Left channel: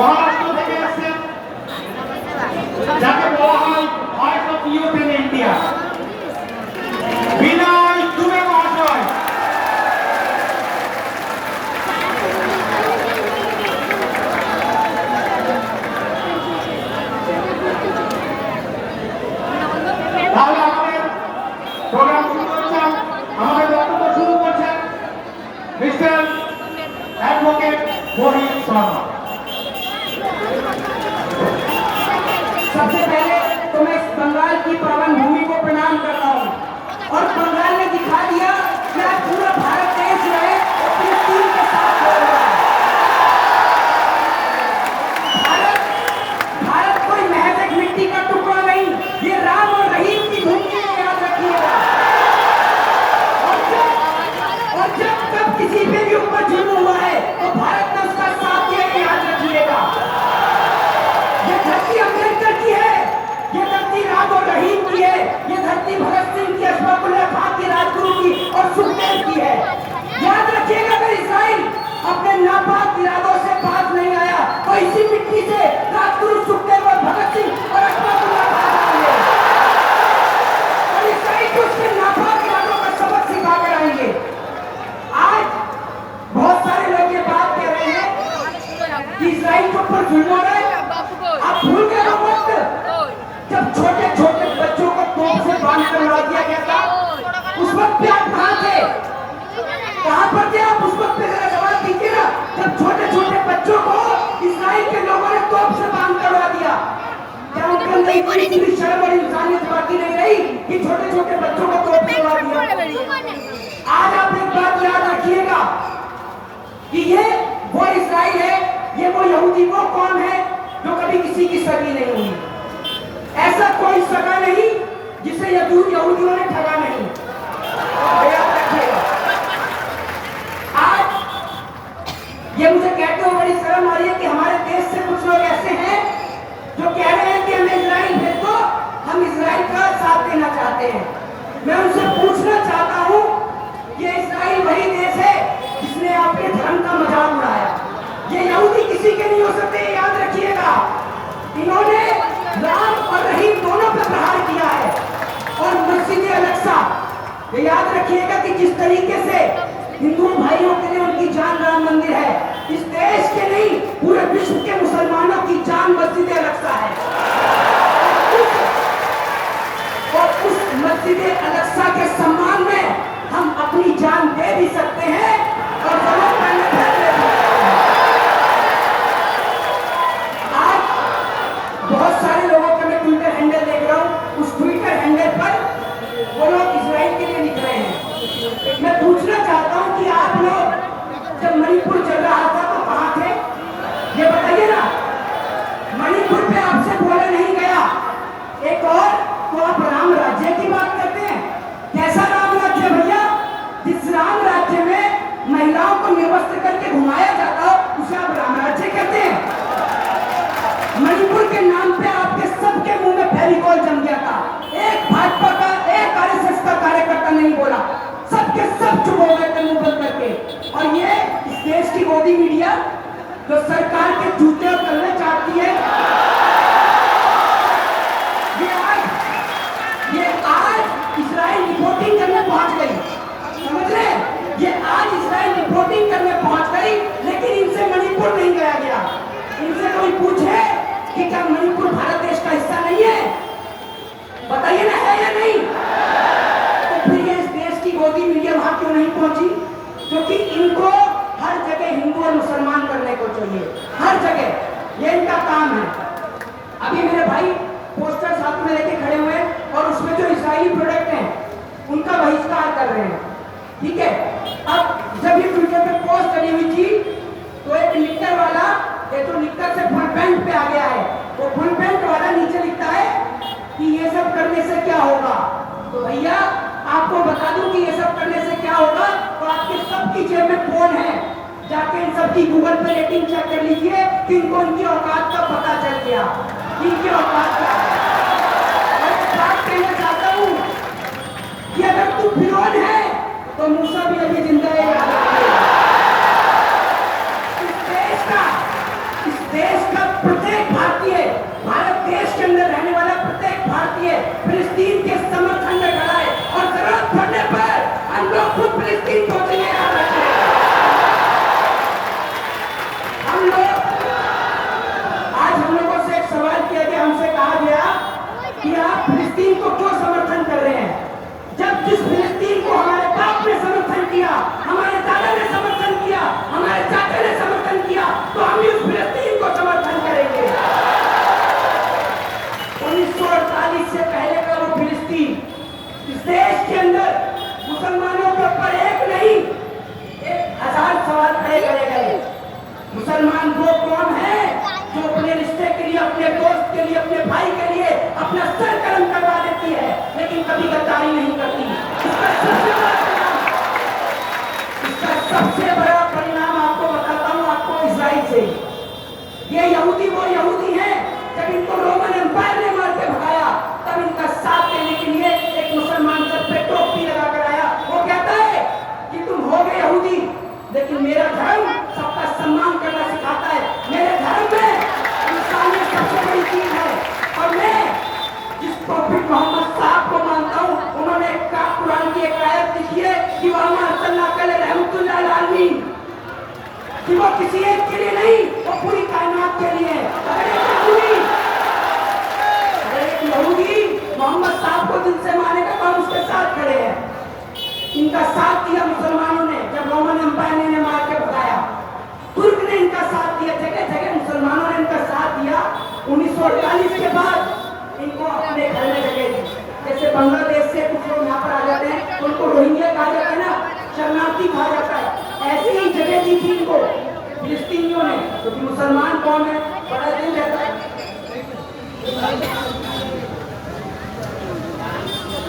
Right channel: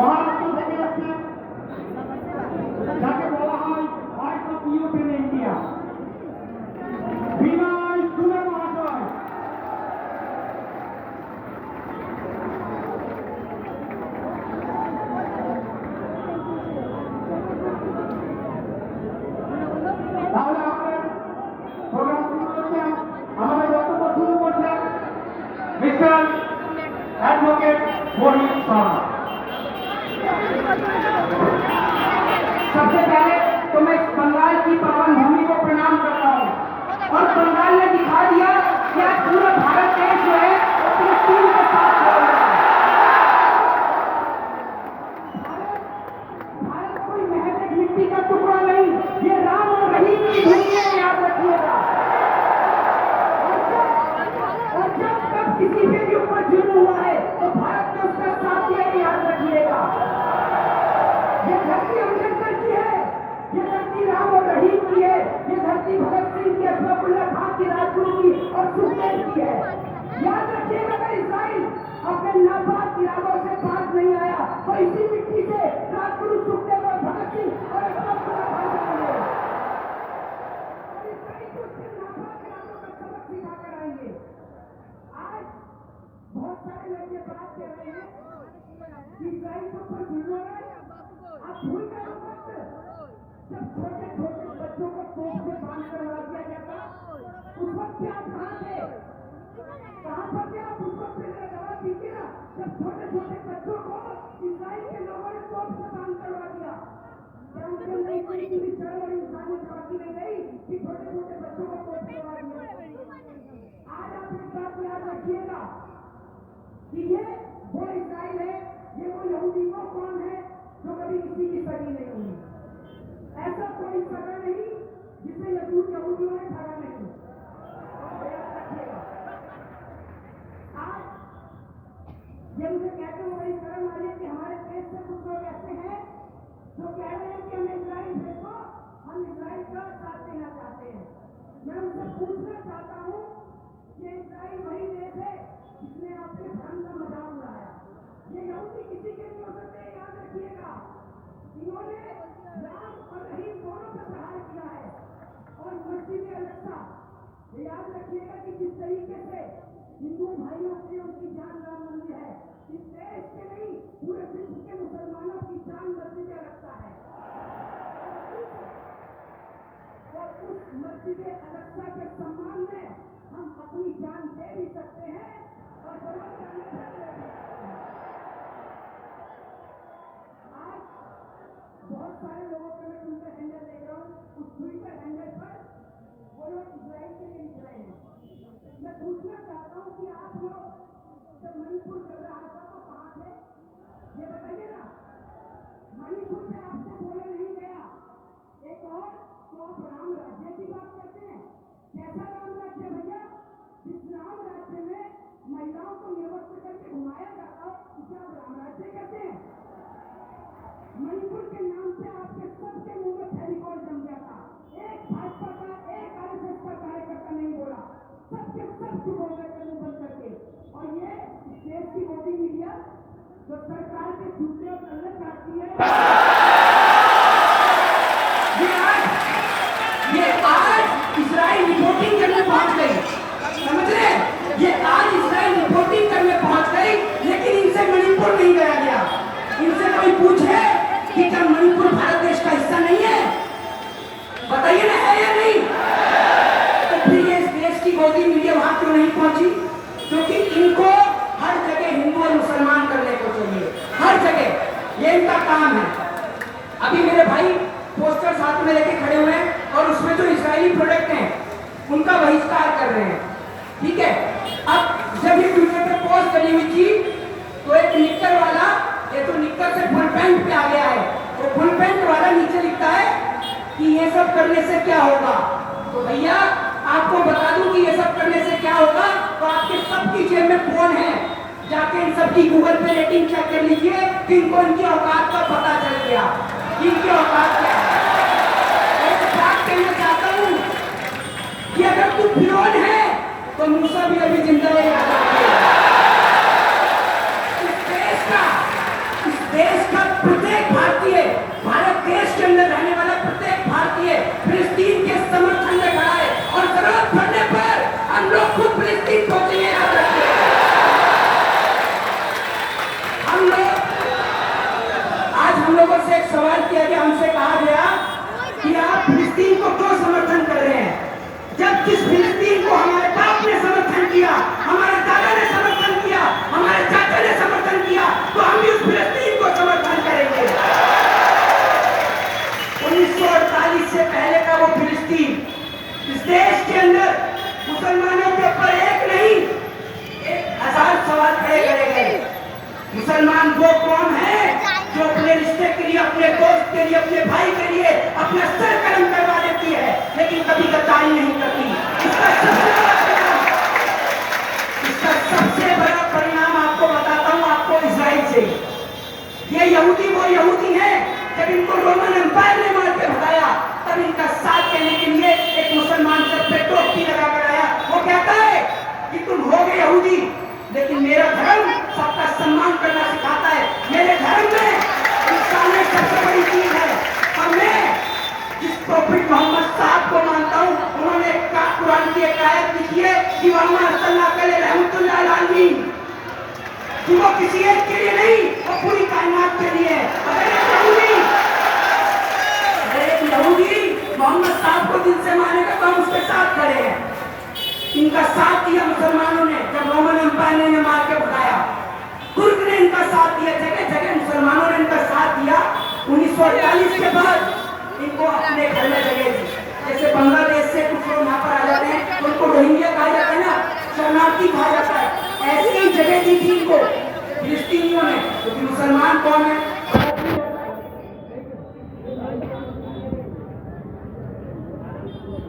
মহারাষ্ট্র থেকে এসেছেন, যাকে বলা হয় heart of youth in India, Binay Dubey মহাশয়। তাহলে আমাদের প্রোগ্রাম শুরু করছেন, আমাদের বক্তব্য শুরু করছেন মিস্টার एडवोकेट मोहित शर्मा। सबसे पहले तो मैं इस बंगाल की पावन भूमि को प्रणाम करता हूँ और बंगाल ने दिखा दिया कि आज पूरा भारत देश जो है अपनी टीम के साथ हो रहा है। भारत कोई महज एक मिट्टी का टुकड़ा नहीं, ये राम और रहीम की भूमि है, याद रखिएगा। और जब कब किसी पे भी ऊपर जुल्म हुआ है तो भारत ने उसका साथ दिया, याद रखिएगा। ये धरती अम्बेडकर की है, ये धरती राम और रहीम की है, ये धरती भगत सिंह की, अशफाकुल्लाह खान की, राजगुरु की और सुखदेव की है। याद रखिएगा, अगर इस्राइल अपने नापाक इरादों से बाज नहीं आया तो इसी मिट्टी से राजगुरु, सुखदेव और भगत सिंह और अशफाकुल्लाह खान आएंगे और इस्राइल को उसके नापाक इरादों का सबक सिखा कर आएंगे। आज बहुत सारे लोग ये बात कह रहे हैं कि इस्राइल के ऊपर जुल्म हो रहा है। आप भूल गए हो वक्त जब छोटे छोटे बच्चों को तोप से बांध कर उड़ा दिया गया था? उस वक्त पे आप कहाँ थे? कहाँ पर थे आप उस वक्त पे? जरा जवाब दीजिए ना। जब छोटे छोटे बच्चों को इस्राइल के लोगों ने तोप से बांध कर उड़ा दिया, क्या उनके अंदर इतनी शर्म और इंसानियत बाकी नहीं रही कि छोटे छोटे बच्चों को तोप से उड़ा दिया? आज आप एक बात याद रखिएगा कि ये वो इस्राइल है, ये वो यहूदी वो कौन है जो कभी किसी की सगी नहीं हुई। ऐसा कोई सगा नहीं जिसे यहूदियों ने ठगा नहीं। याद रखिएगा। आज ये मुझे कहते हुए बड़ी शर्म आ रही है कि हमारे देश से कुछ लोग ऐसे हैं जो कह रहे हैं कि हमें इजराइल भेज दो, हम इजराइल का साथ देना चाहते हैं। मैं उनसे पूछना चाहता हूं, ये इजराइल वही देश है जिसने आपके धर्म का मजाक उड़ाया। ये यहूदी किसी के नहीं हो सकते, याद रखिएगा। इन्होंने राम और रहीम दोनों पर प्रहार किया है। और मस्जिद अल-अक्सा, ये याद रखिएगा कि जिस तरीके से हिंदू भाइयों के लिए उनकी जान राम मंदिर है, इस देश के नहीं पूरे विश्व के मुसलमानों की जान मस्जिद अल-अक्सा है। और उस मस्जिद अल-अक्सा के सम्मान में हम अपनी जान दे भी सकते हैं और जरूरत पड़ने पर दे भी सकते हैं। आज बहुत सारे लोगों का मैं ट्विटर हैंडल देख रहा हूं, उस ट्विटर हैंडल पर वो लोग इजराइल के लिए निकले हैं। मैं पूछना चाहता हूं कि आप लोग जब मणिपुर चल रहा था तो कहां थे? ये बताइए ना। मणिपुर पे आपसे बोला नहीं गया। एक और तो आप राम राज्य की बात करते हैं। कैसा राम राज्य भैया? जिस राम राज्य में महिलाओं को निर्वस्त्र करके घुमाया जाता हो उसे आप राम राज्य कहते हैं? मणिपुर के नाम पे आपके सबके मुंह में फेविकॉल जम गया था। एक भाजपा का, एक आरएसएस का कार्यकर्ता नहीं बोला, सबके सब चुप हो गए थे मुंह बंद करके। और ये इस देश की मोदी मीडिया जो सरकार के जूते और तलने चाहती है, ये आज इजराइल रिपोर्टिंग करने पहुंच गई। समझ रहे? ये आज इजराइल रिपोर्टिंग करने पहुंच गई, लेकिन इनसे मणिपुर नहीं गया गया। इनसे कोई पूछे कि क्या मणिपुर भारत देश का हिस्सा नहीं है? बताइए ना, है या नहीं? तो फिर ये इस देश की गोदी मीडिया वहां क्यों नहीं पहुंची? क्योंकि इनको हर जगह हिंदू और मुसलमान करने को चाहिए, हर जगह। ये इनका काम है। अभी मेरे भाई पोस्टर साथ में लेके खड़े हुए हैं और उसमें जो इजरायली प्रोडक्ट हैं उनका बहिष्कार कर रहे हैं। ठीक है। अब जब ये ट्विटर पे पोस्ट करी हुई थी तो एक निक्कर वाला, ये तो निक्कर से फुल पैंट पे आ गया है, तो फुल पैंट वाला नीचे लिखता है कि ये सब करने से क्या होगा। तो भैया आपको बता दूं कि ये सब करने से क्या होगा, तो आपके सबकी जेब में फोन है, जाके इन सबकी गूगल पे रेटिंग चेक कर लीजिए कि इनको इनकी औकात का पता चल गया, इनकी औकात क्या है। और एक बात कहना चाहता हूं कि अगर तू फिरौन है तो मूसा भी अभी जिंदा है। इस देश का तैयारी नहीं करती। इसका सबसे बड़ा परिणाम आपको बताता हूँ, आपको इजराइल से। ये यहूदी वो यहूदी हैं, जब इनको रोमन एम्पायर ने मार के भगाया तब इनका साथ देने के लिए एक मुसलमान सर पे टोपी लगा कर आया। वो कहता है कि तुम हो गए यहूदी, लेकिन मेरा धर्म सबका सम्मान करना सिखाता है। मेरे धर्म में इंसानियत सबसे बड़ी चीज है। और मैं जिस प्रॉफिट मोहम्मद साहब को मानता हूँ, उन्होंने कुरान की एक आयत लिखी है कि कि वो किसी एक के लिए नहीं, वो पूरी कायनात के लिए है। एक यहूदी मोहम्मद साहब को दिल से मानेगा तो हम उसके साथ खड़े हैं। इनका साथ दिया मुसलमानों ने, जब रोमन एम्पायर ने मार के भगाया। तुर्क ने इनका साथ दिया, जगह जगह मुसलमानों ने इनका साथ दिया। 1948 के बाद इनको अपने घर में जगह दी। जैसे बांग्लादेश से कुछ लोग यहाँ पर आ जाते हैं तो उनको रोहिंग्या कहा जाता है ना, शरणार्थी कहा जाता है। ऐसी ही जगह दी थी इनको फिलिस्तीनियों ने, क्योंकि मुसलमान कौन है पता नहीं जाता।